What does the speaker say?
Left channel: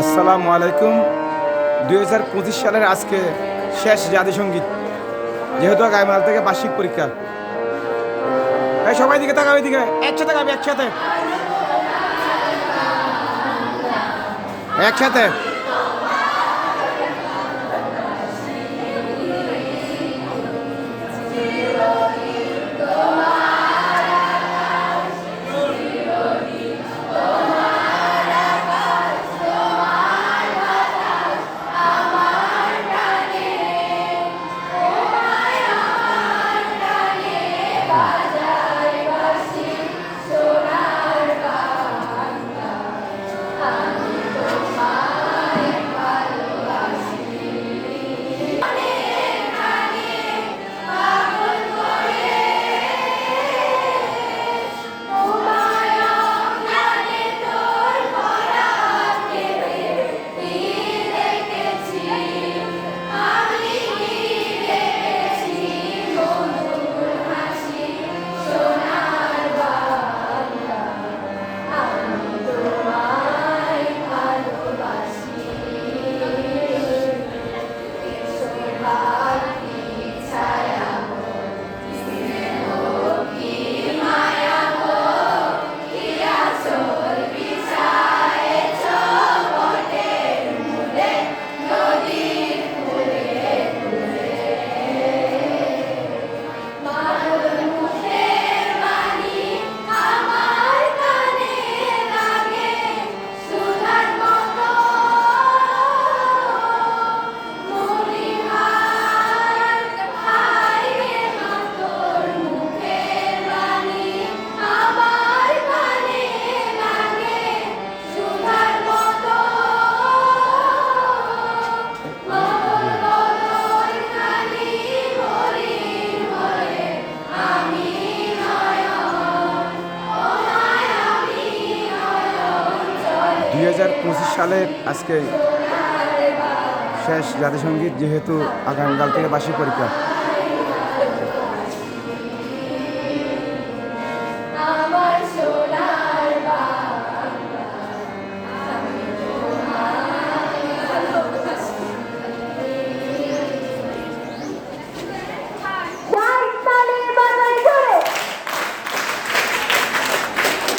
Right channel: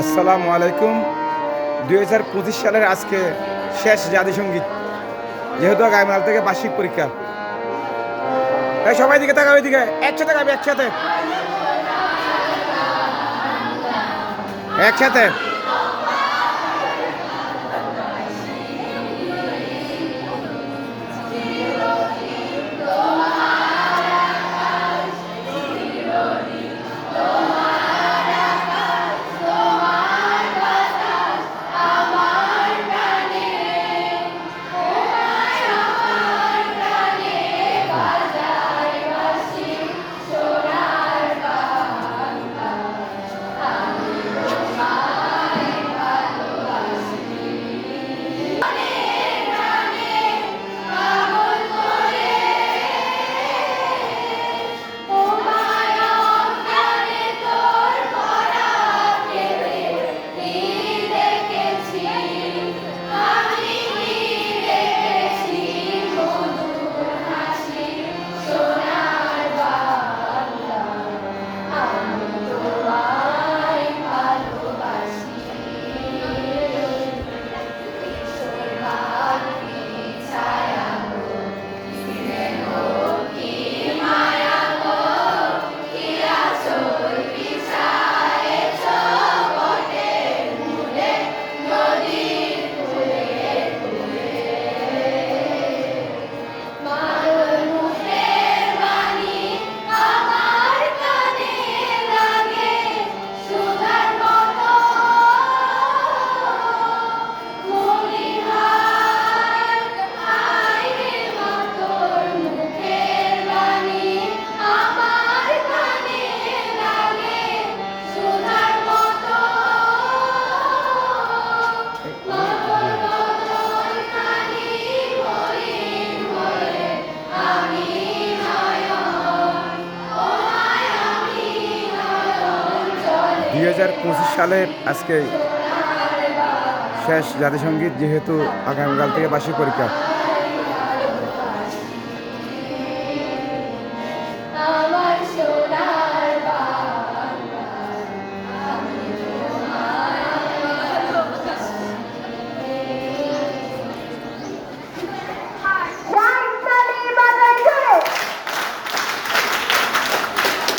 আসসালামু আলাইকুম। দুই হাজার পঁচিশ সালের আজকে শেষ জাতিসঙ্গীত যেহেতু আগামীকাল থেকে বার্ষিক পরীক্ষা। এই সবাই দিকে তাকাবে দিকে একসাথে গাবি, একসাথে। একসাথে। দুই হাজার পঁচিশ সালের আজকে শেষ জাতিসংগীত যেহেতু আগামীকাল থেকে বার্ষিক পরীক্ষা।